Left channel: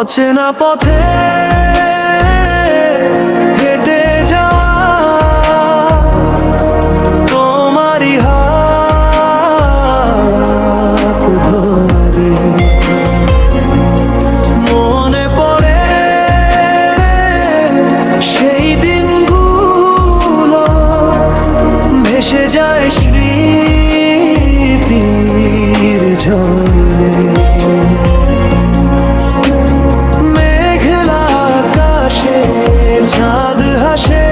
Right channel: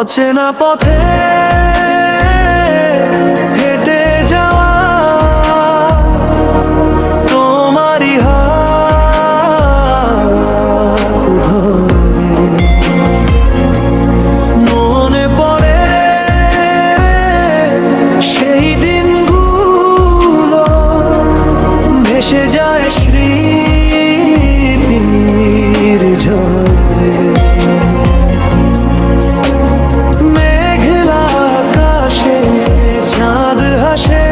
অচেনা পথে হেঁটে যাওয়া তোমারই হাত ধরে মনে পড়ে সেই দিনগুলো, ভেসে যায় স্মৃতির ঝড়ে। মেঘলা আকাশে চাঁদ হাসে,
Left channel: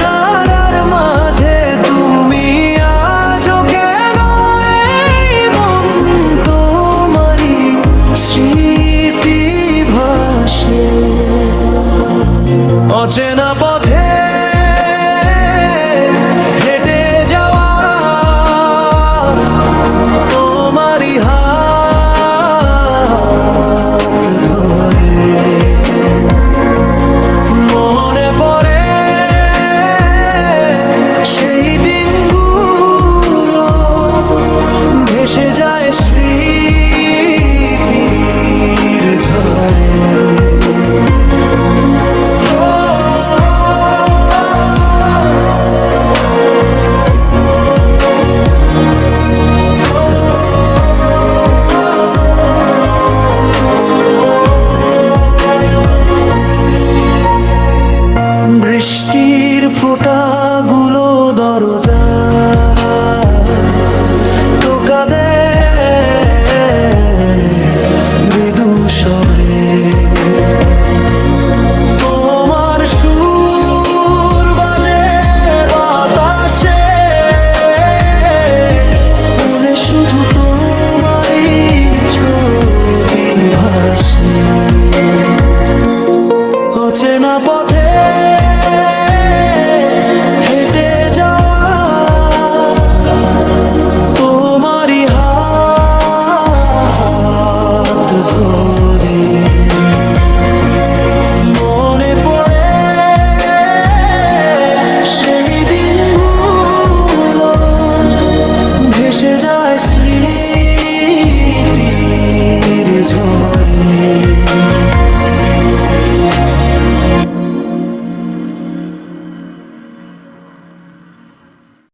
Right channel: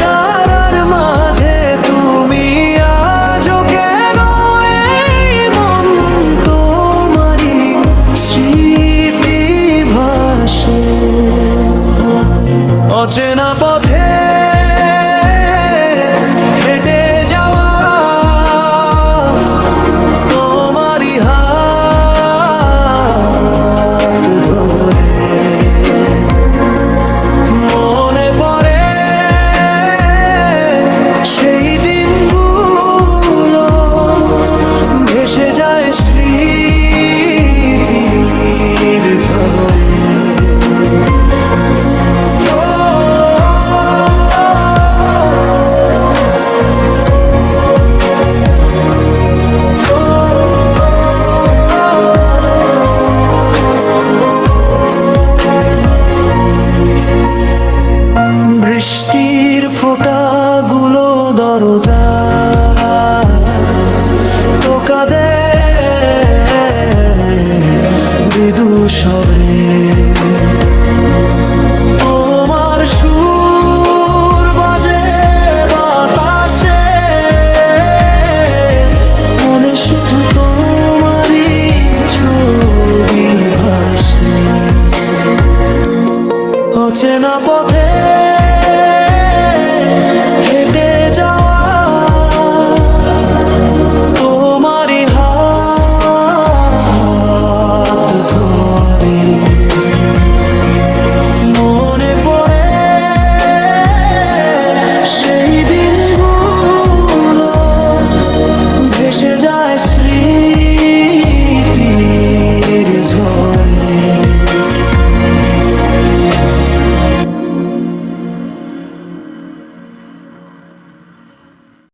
তারার মাঝে তুমি আজও কেন? এই মন তোমারই স্মৃতি ভাসে। অচেনা পথে হেঁটে যাওয়া তোমারই হাত ধরে মনে পড়ে সেই দিনগুলো, ভেসে যায় স্মৃতির ঝড়ে। বৃষ্টির ফোঁটাগুলো দরজায় টোকা দেয় মৃদু স্বরে। তোমার সুর বাজে বাতাসে, মনে শুধু তোমারই ছবি ভাসে। অচেনা পথে হেঁটে যাওয়া তোমারই হাত ধরে মনে পড়ে সেই দিনগুলো, ভেসে যায় স্মৃতির ঝড়ে।